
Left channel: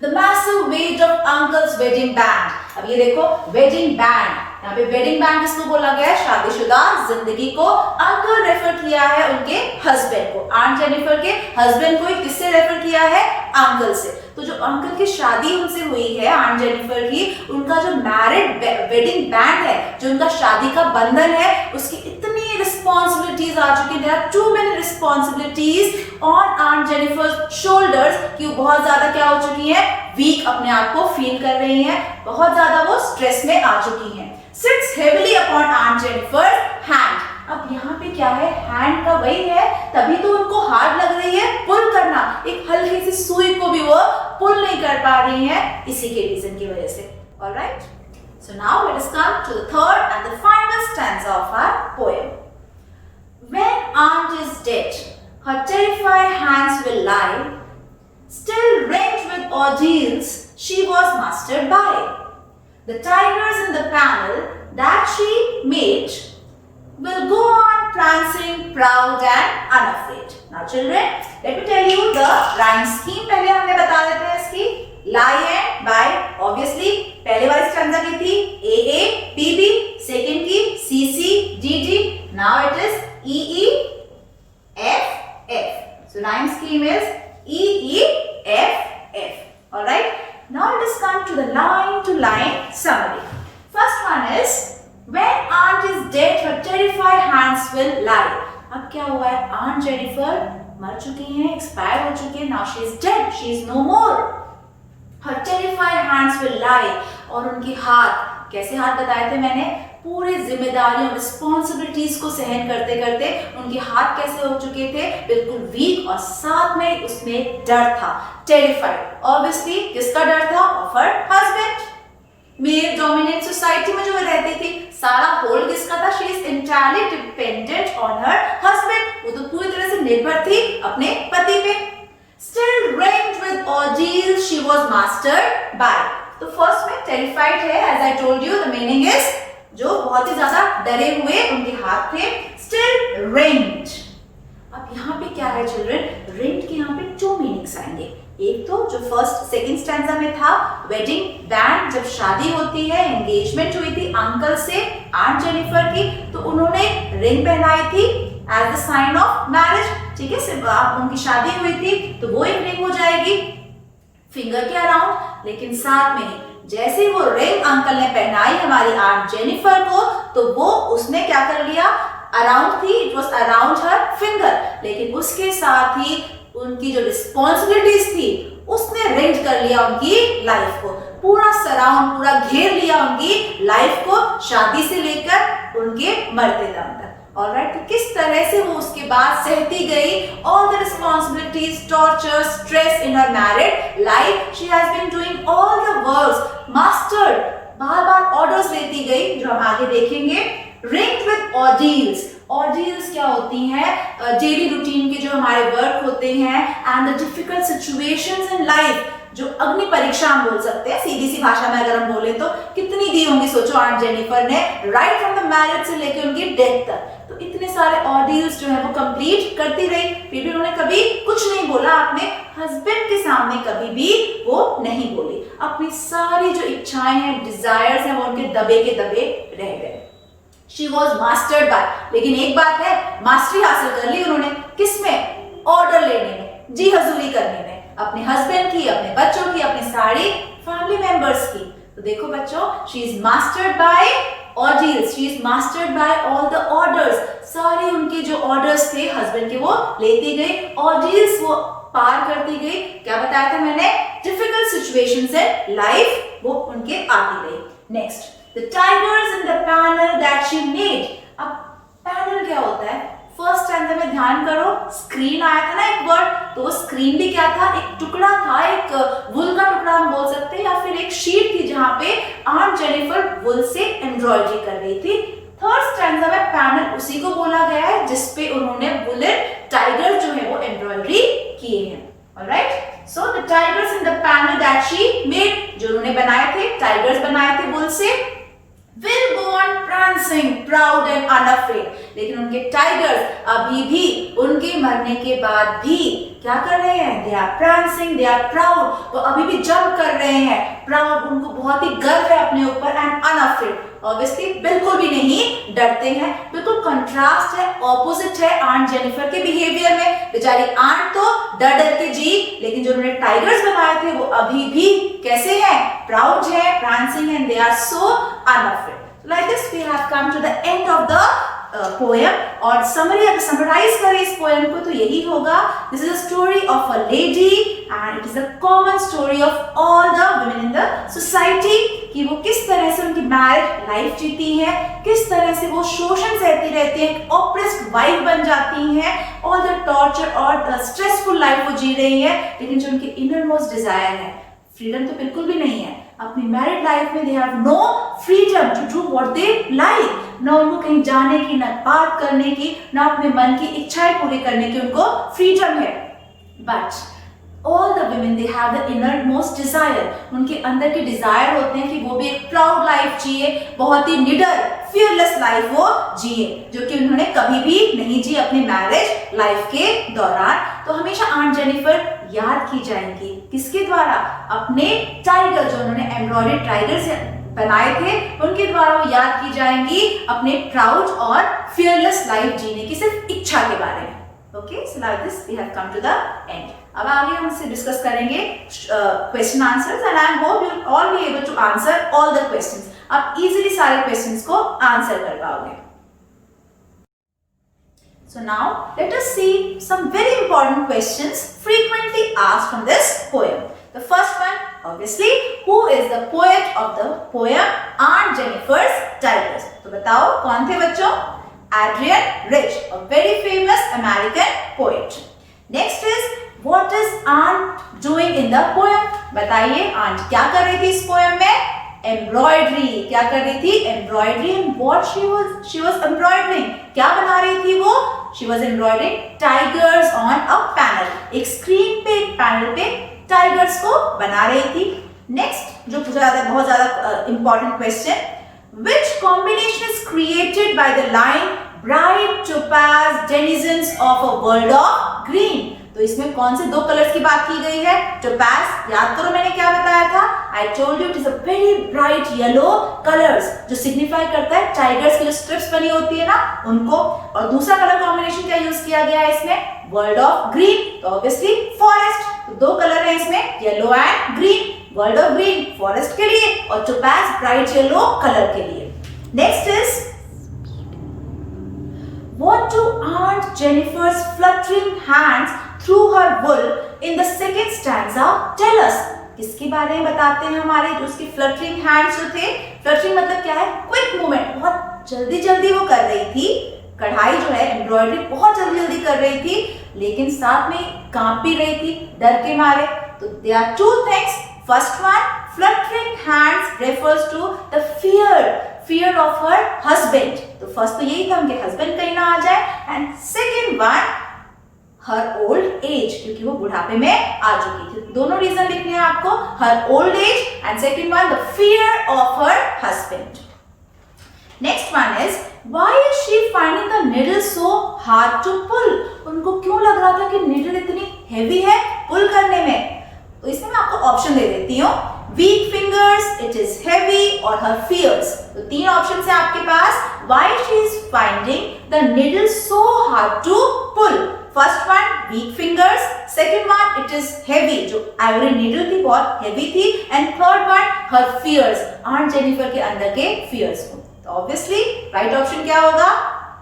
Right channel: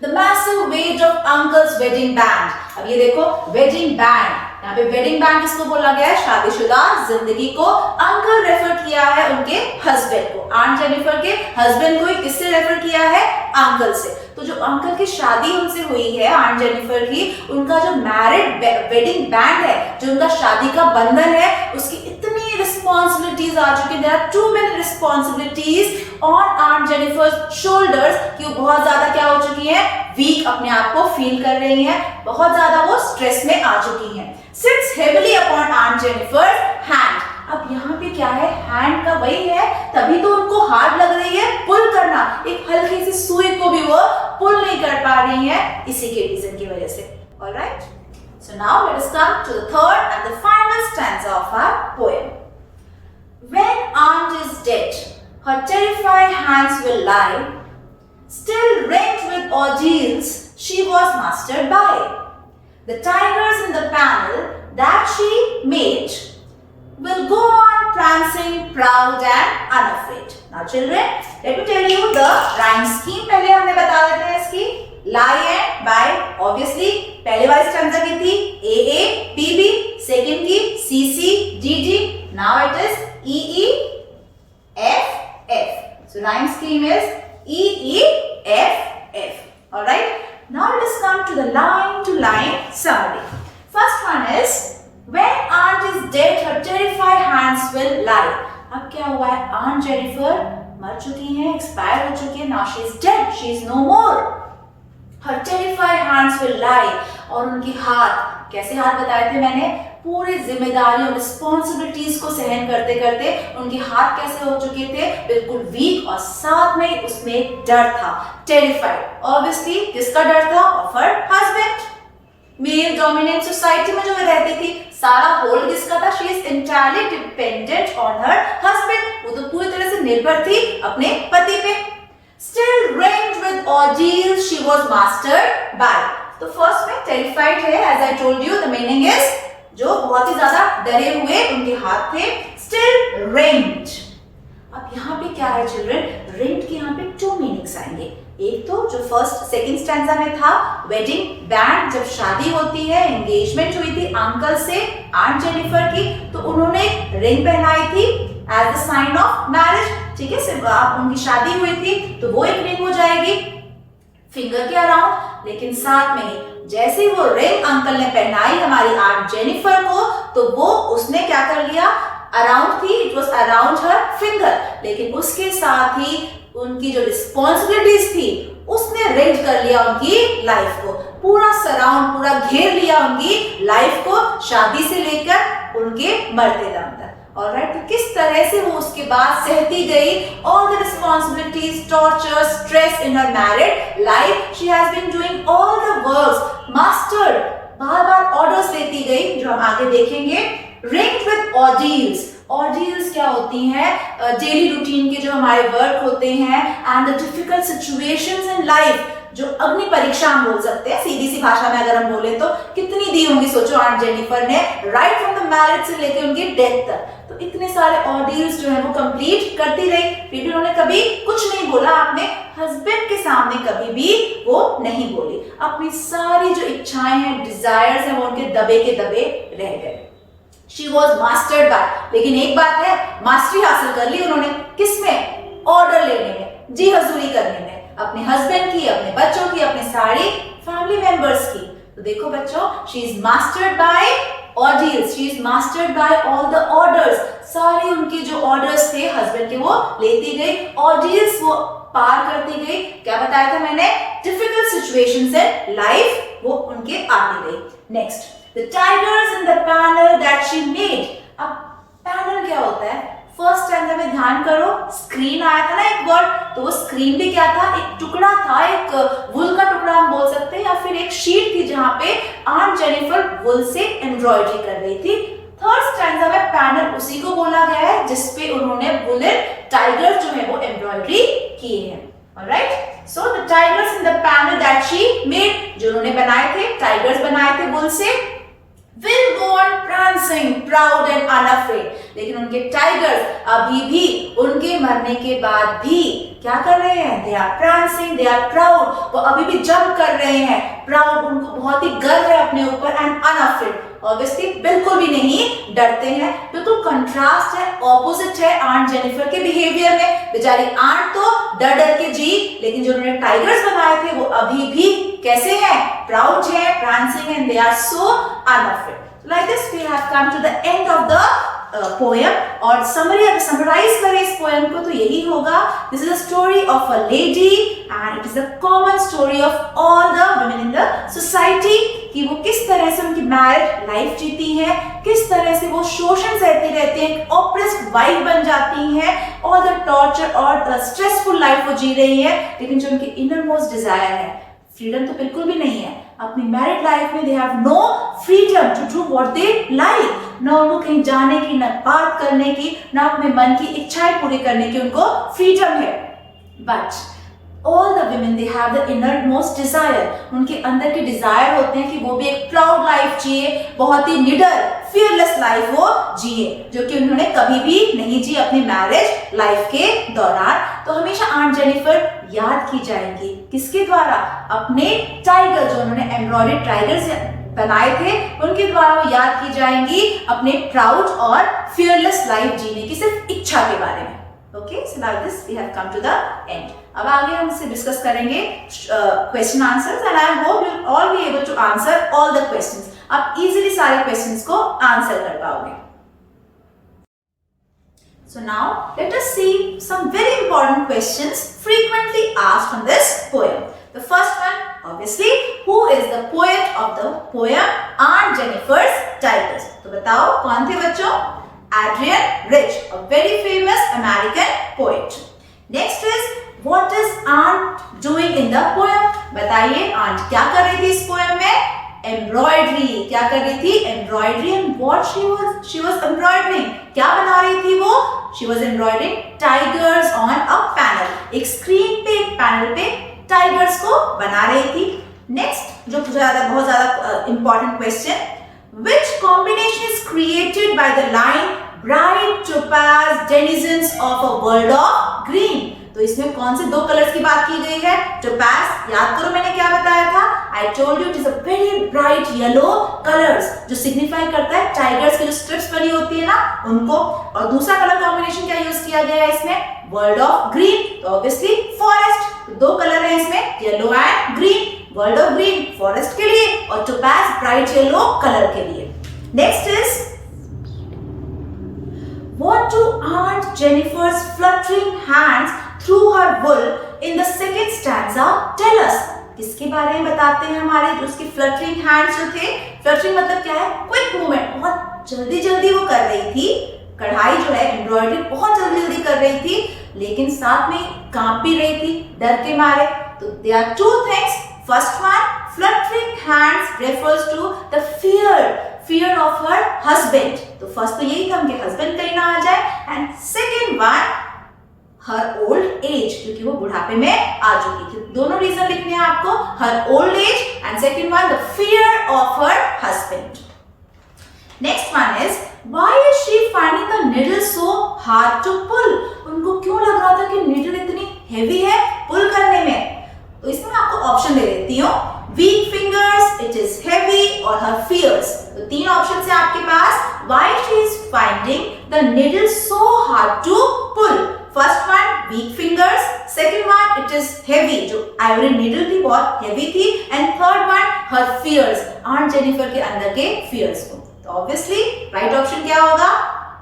The massive weight of uncle's wedding band. अब ये देखो वेडिंग बैंड, यहाँ पे वेडिंग बैंड किसको बोला गया है? शादीशुदा जिंदगी को. अंकल रेफर किया है उनके हस्बैंड को, आंट जेनिफर के हस्बैंड को. किससे रेफर किया है? अंकल से. तो जो अंकल की शादी उनसे हुई है आंट जेनिफर की, उनका जो मैरिड वेडिंग बैंड है, जो उनका शादी का बंधन है, उसकी इतनी रिस्पॉन्सिबिलिटीज आ चुकी है. There are too many responsibilities on Aunt Jennifer shoulders कि वो बहुत ज्यादा क्या हो चुकी है? वीक अपने आप को फील कर रही है, बहुत ज्यादा वो स्ट्रेस में आ चुकी है. Sits heavily upon Aunt Jennifer's hand. अब यहाँ पे क्या है? हैंड का वही है, तभी तो उनको हार्ड लग रही है पुल करना. एक हल्की सी सुई को भी वो पुल नहीं कर पा रही है, इसी के रीजन की वजह से. Alright? So now let us come to the third and the final stanza of our poem. When Aunt is dead, her terrified hands will lie, still rent with ordeals she was mastered by. The tigers in the panel that she made will go on prancing proud and unafraid. Now children, let me tell you the rhyme scheme पहले हमने बता देते हैं इसकी. Lie and buy, obviously पहले वाली stanza की थी AA, BB, सेकंड की CC, DD. Now it is EE, FF. So rhyme scheme is EE, FF. All right. Now let us come to the line-to-line summary. First one is when aunt is dead, her terrified hands will lie. अब क्या हुआ है? Aunt Jennifer मर चुकी हैं, expire हो चुकी है. Now she is dead. She is no more. Her terrified hands will lie. और उनके हाथ, कैसे हाथ बताए थे मैंने? पूरी जिम्मेदारियों, रिस्पॉन्सिबिलिटीज को सहन करते करते उनके हाथ कैसे हो चुके थे? बिल्कुल वीक, और साथ में उसमें डर था. टेरिफाइड, ऑब्वियसली किसका डर था? Of her husband. Male dominant society में जो रहती थी, सारा होल्ड किसका था? She is entirely dependent on her husband. वो तो पूरी तरह से निर्भर थी अपने पति पे. Still reigned with ordeal, she was mastered by. तो फर्स्ट में टेरिफाइड है, as I told you, the meaning is जो बहुत ही ज्यादा डरे हुए उनके हाथ थे. Still reigned. अब यहाँ पे क्या है चिल्ड्रन? reigned के यहाँ पे 2 मीनिंग्स आएंगे. एक तो जो फर्स्ट सेकंड स्टैंजा में था, वेडिंग बैंड, जब शादी होती है, एंगेजमेंट हुई थी अंकल से आंट जेनिफर की, तो उन्होंने रिंग पहनाई थी as the sign of marriage. ठीक है, सिर्फ उनकी शादी हुई थी तो वो एक रिंग हो जाएगी फिंगर के अराउंड. लेकिन साथ में जैसे ही वो रिंग अंकल ने पहनाई हमारी आंट जेनिफर को, तो वो उसने क्या कर लिया? अराउंड थी, it was around her finger. लेकिन उसके साथ ही उनकी जो रिस्पॉन्सिबिलिटीज थी उसने रेंट कर लिया उनकी लाइफ को, पूरा सराउंड, पूरा घेर लिया उनकी लाइफ को, शादी से लेकर उनके मरते दम तक. ऑलराइट, तो किस तरह से वो उसके बाद सहती गई all the responsibilities, torture, stress in her married life. She has been doing all the works, mastered, बार बार ऑर्डर्स लेती गई, जो हम आगे देखेंगे. Ringed with ऑर्डील्स. ऑर्डील्स क्या होती हैं? डेली रूटीन के जो हमारे वर्क होते हैं, and the difficult situations in life, जो अग्नि परीक्षा हम बोल सकते हैं सीधी सी भाषा में अगर हम बोले तो. कितनी दी होंगी सोचो आंट जेनिफर ने, राइट फ्रॉम द मैरिज से लेकर उनकी डेथ तक. तो इतने सारे ऑर्डील्स जो है वो कंप्लीट करती रही, फिर भी उन्होंने कभी कुछ नहीं बोला. अपने हस्बैंड के सामने कभी भी वो नहीं बोली. अपनी सारी जो इच्छाएं हैं, डिजायर्स हैं, वो उनके दबे के दबे रह गए. She was mastered by. लेकिन एक बात है, मास्टरी हासिल कर ली उन्होंने. किसमें? ऑर्डर लेने में, जी हजूरी करने में, अपने हस्बैंड की, अपने बच्चों की, अपने सारे फैमिली मेंबर्स की. तो देखो बच्चों, she is mastered by ordeals, she is mastered by all the orders. सारे उनके जो ऑर्डर्स थे हस्बैंड के वो लेती गई, ऑर्डील्स वो पार करती गई. क्या बताया था मैंने? डिफिकल्ट सिचुएशंस इन लाइफ वो उनके आती गई. Next, the tigers in the panel that she made. अब पैनल क्या होता है? फर्स्ट स्टैंडर्ड में ध्यान करो, स्क्रीन आया था ना एक वर्ड, तो वो स्क्रीन भी क्या था? एक टुकड़ा था, एक वुल का टुकड़ा हम बोल सकते हैं, या फिर एक शीट थी जहां पे आंट जेनिफर वुल से एम्ब्रॉयडरी कर रही थी. थर्ड स्टैंडर्ड में पैनल उसी को बोला गया है जिसपे उन्होंने वुलन टाइगर जो है वो एम्ब्रॉयडरी किए हैं. Alright, so the tigers in the panel that she made, जो उन्होंने बनाए थे, टाइगर्स बनाए थे वुल से, will go on prancing proud and unafraid. लेकिन उनके टाइगर्स अभी भी उनके मरने के बाद भी क्या कर रहे हैं? they are prancing, they are proud. वो अभी भी जंप कर रहे हैं, प्राउड, उनको बहुत ही गर्व है अपने ऊपर, एंड अनअफ्रेड, ऑब्वियसली बिल्कुल भी नहीं डरते हैं. बिल्कुल कंट्रास्ट है, ऑपोजिट है आंट जेनिफर के बिहेवियर में. बेचारी आंट तो डर डर के जी, लेकिन जो उन्होंने टाइगर्स बनाए थे वो अभी भी कैसे हैं? प्राउड है, prancing, and they are so unafraid. Like this we have come to the end of the poem. और समरी अगर समराइज करें इस पोएम को तो यही होगा, this is a story of a lady and it is a common story of all the women in the society, कि वो किस तरह से उनकी मैरिड लाइफ जीती हैं, किस तरह से वो शोषण सहती रहती हैं, ऑप्रेस्ड वाइफ बन जाती हैं, ऑल द टॉर्चर और द स्ट्रेसफुल लाइफ वो जी रही है. लेकिन जो उनकी इनर मोस्ट डिजायर है, फ्रीडम तो बिल्कुल भी नहीं है. अपनी मैरिड लाइफ में they have no freedom to do what they like. न उनको कहीं जाने की, न बात करने की, न अपने मन की इच्छाएं पूरी करने की उनको फ्रीडम है. But All the women they have the innermost desire. उनके अंदर के डिजायर होते हैं कि वो भी एक प्राउड लाइफ जिए, बहुत ही निडर फियरलेस लाइफ वो जिए, जो कि उन्होंने कभी भी नहीं जी अपनी मैरिज लाइफ के दौरान। तो हमेशा आंट जेनिफर याद की जाएंगी किसके द्वारा? अपने टाइगर, जो उन्होंने एम्ब्रॉयडर्ड टाइगर से बनाए थे, उनके द्वारा वो याद की जाएंगी अपने प्राउड और फियरलेस लाइफ जीने की सिर्फ इच्छा के बारे में। Okay, so like this we have come to the end. अब आगे हम इससे डिस्कस करेंगे question answers and I hope you will all be able to answer all the questions. आप इजीली सारे क्वेश्चंस को आंसर कर पाओगे। So now let us see some very important questions frequently asked from this poem. The first one, obviously, who is the poet of the poem Aunt Jennifer's Tigers? तो बताओ कौन थे बच्चों? Adrian Rich, a very famous American poet. Next is, what is Aunt doing in the poem? बताइए aunt क्या कर रही थी इस poem में? Embroidery, क्या कर रही थी? Embroidery, and what she was embroidering? क्या बना रही थी वो? She was embroidering tigers on a panel. एक स्क्रीन पे, एक पैनल पे टाइगर्स को बना रही थी। नेक्स्ट जो बहुत ज्यादा important question, which combination is created by the line bright topaz denizens of a world of green? तो इसमें कौन से दो कलर्स की बात की गई है? टोपाज, याद करो मैंने क्या बताया था? I told you it is a very bright yellow colours, जो सिग्निफाई करता है टाइगर्स की जो स्ट्रिप्स बनी होती है ना उनको। और दूसरा कलर कॉम्बिनेशन क्या यूज किया गया है इसमें? वर्ल्ड ऑफ ग्रीन, तो ऑब्वियसली फॉरेस्ट। तो दो कलर है इसमें, yellow and green. World of green forest के लिए और टोपाज ब्राइट येलो कलर के लिए। Next is, what do Aunt Jennifer's fluttering hands through her wool in the second stanza tell us? किसके बारे में बताते हैं हमारे जो उसके फ्लटरिंग हैंड्स जो थे? फ्लटरिंग मतलब क्या है? क्विक मूवमेंट, बहुत जल्दी जल्दी वो कर रही थी। कढ़ाई जो है एम्ब्रॉयडरी बहुत जल्दी जल्दी कर रही थी, लेकिन साथ में कांप भी रही थी डर के मारे। तो there are two things. First one, fluttering hands refers to the fear of her husband. तो फर्स्ट तो यही था उनके हस्बैंड कहीं ना आ जाए, and second one her old as, क्योंकि वो बुढ़ापे में आ चुकी थी। दोनों रीजन लिखने हैं आपको, her old age and second one the fear of her husband. Next one is, why is she finding the needle so hard to pull? उनको क्यों लग रहा था कि निडल इतनी हेवी है पुल करने में? तो इसमें मैं आपको ऑप्शन दे देती हूँ, weak fingers, it is heavy, or her fears. तो तीन ऑप्शन है आपके पास, why she is finding the needle so hard to pull. First one, weak fingers. Second one, it is heavy, जो ivory needle थी बहुत heavy थी, and third one, her fears, Aunt Jennifer के अंदर के fears को। तो obviously right option क्या होगा?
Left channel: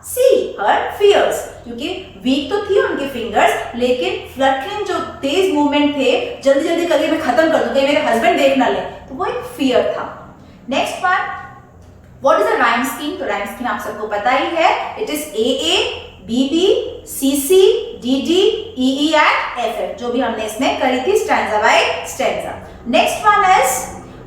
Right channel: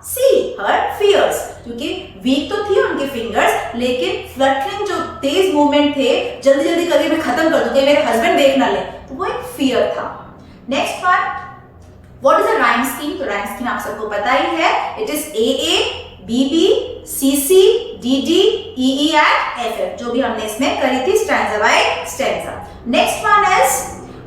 C, her fears, क्योंकि वीक तो थी उनके फिंगर्स, लेकिन फ्लटरिंग जो तेज मूवमेंट थे, जल्दी जल्दी करके मैं खत्म कर दूं, कहीं मेरे हस्बैंड देख ना ले, तो वो एक फियर था। Next one, what is a rhyme scheme? तो राइम स्कीम आप सबको पता ही है, it is AA, BB, CC, DD, EE and FF, जो भी हमने इसमें करी थी stanza by stanza. Next one is,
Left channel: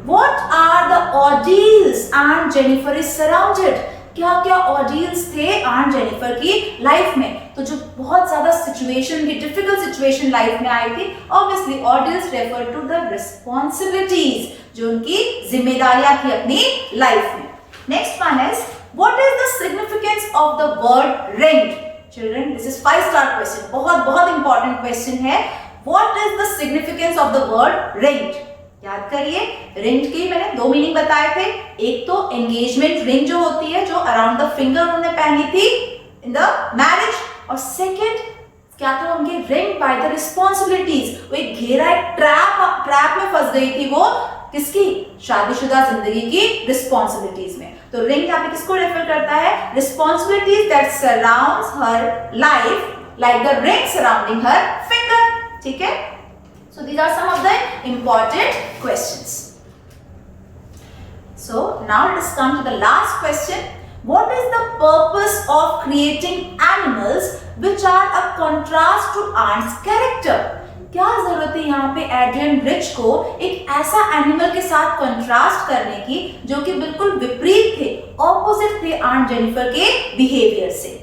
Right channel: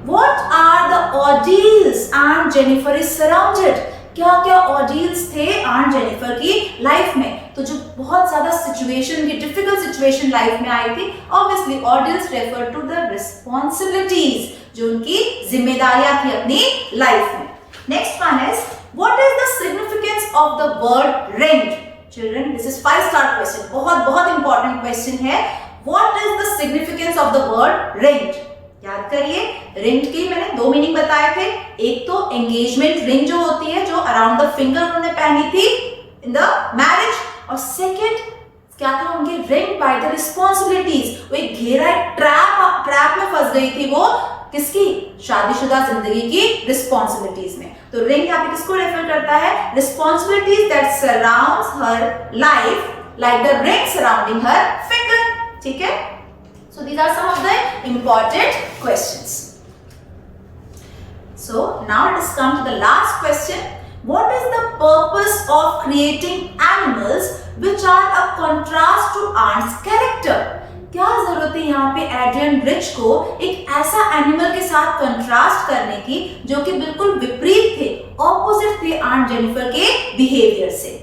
what are the ordeals Aunt Jennifer is surrounded? क्या क्या ऑर्डियल्स थे आंट जेनिफर की लाइफ में? तो जो बहुत ज्यादा सिचुएशन की डिफिकल्ट सिचुएशन लाइफ में आई थी, obviously ordeals refer to the responsibilities, जो उनकी जिम्मेदारियां थी अपनी लाइफ में। Next one is, what is the significance of the word ringed? Children, this is 5 star question, बहुत बहुत इंपॉर्टेंट क्वेश्चन है। What is the significance of the word ringed? याद करिए, रिंग के मैंने दो मीनिंग बताए थे। एक तो एंगेजमेंट रिंग जो होती है, जो अराउंड द फिंगर उन्होंने पहनी थी इन द मैरिज, और सेकंड क्या था उनके? रिंग बाय द रिस्पॉन्सिबिलिटीज, वो एक घेरा, एक ट्रैप में फंस गई थी वो, किसकी? शादीशुदा जिंदगी की रिस्पॉन्सिबिलिटीज में। तो रिंग यहाँ पे किसको रेफर करता है? Responsibilities that surrounds her life like the ring surrounding her finger. ठीक है, so these are some of the important questions. So now let us come to the last question. What is the purpose of creating animals which are a contrast to Aunt's character? क्या जरूरत है यहाँ पे Adrian rich को एक ऐसा animal के साथ कंट्रास्ट करने की जो कि बिल्कुल विपरीत थे, ऑपोजिट थे आंट जेनिफर के बिहेवियर से?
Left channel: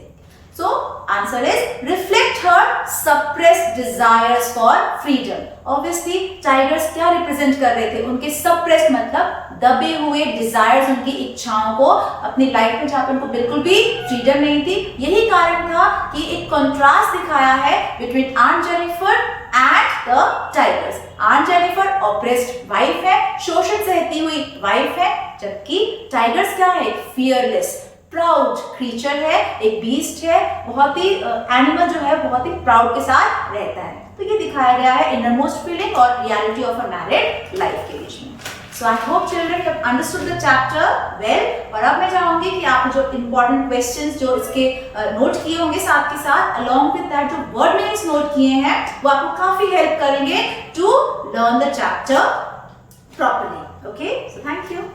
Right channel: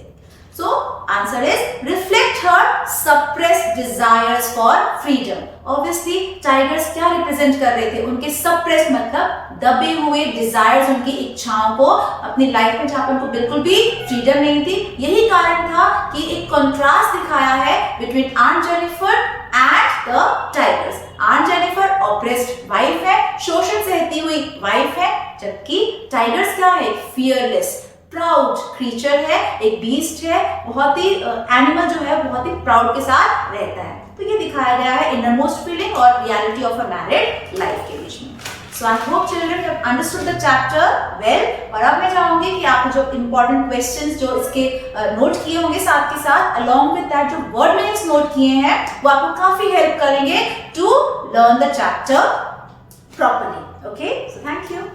So answer is, reflect her suppressed desires for freedom. Obviously, tigers क्या रिप्रेजेंट कर रहे थे? उनके suppressed मतलब दबे हुए desires, उनकी इच्छाओं को अपनी लाइफ में जहाँ पे उनको बिल्कुल भी फ्रीडम नहीं थी. यही कारण था कि एक कंट्रास्ट दिखाया है between Aunt Jennifer and the tigers. Aunt Jennifer oppressed wife है, शोषण सहती हुई wife है, जबकि tigers क्या है? Fearless, प्राउड क्रीचर है, एक बीस्ट है, बहुत ही एनिमल जो है बहुत ही प्राउड के साथ रहता है. तो ये दिखाया गया है इनरमोस्ट फीलिंग और reality of a married life के बीच में. So I hope children you have understood the chapter well. और अब मैं चाहूंगी कि आपने जो इंपॉर्टेंट क्वेश्चंस जो इसके नोट किए होंगे साथ के साथ अलोंग विद दैट जो वर्ड मीनिंग्स नोट किए हैं वो आपको काफी हेल्प करेंगे to learn the chapter properly. Okay, so thank you.